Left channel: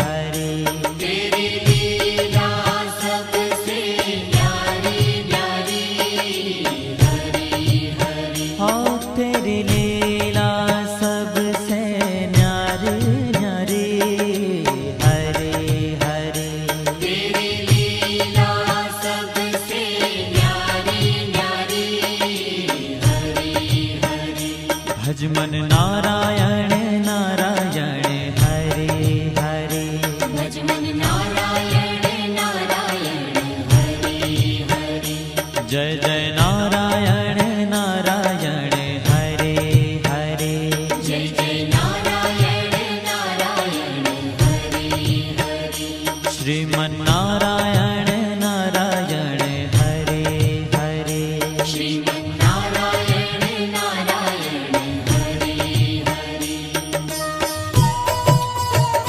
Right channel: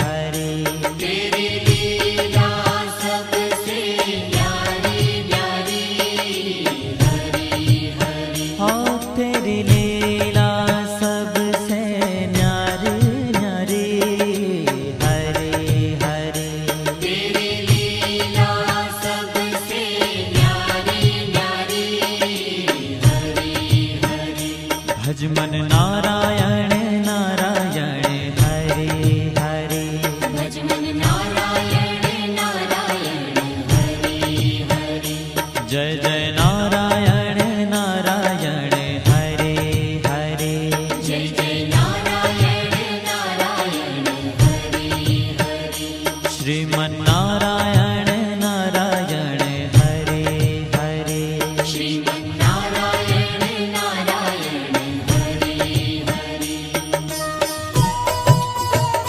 हरे। तेरी लीला सबसे न्यारी न्यारी, हरि हरि। हो तेरी लीला सबसे न्यारी न्यारी, हरे हरे। तेरी लीला सबसे न्यारी न्यारी, हरि हरि। भज मन नारायण नारायण, हरे हरे। भज मन नारायण नारायण, हरि हरि। जय जय नारायण नारायण, हरे हरे। जय जय नारायण नारायण, हरि हरि। श्रीमन नारायण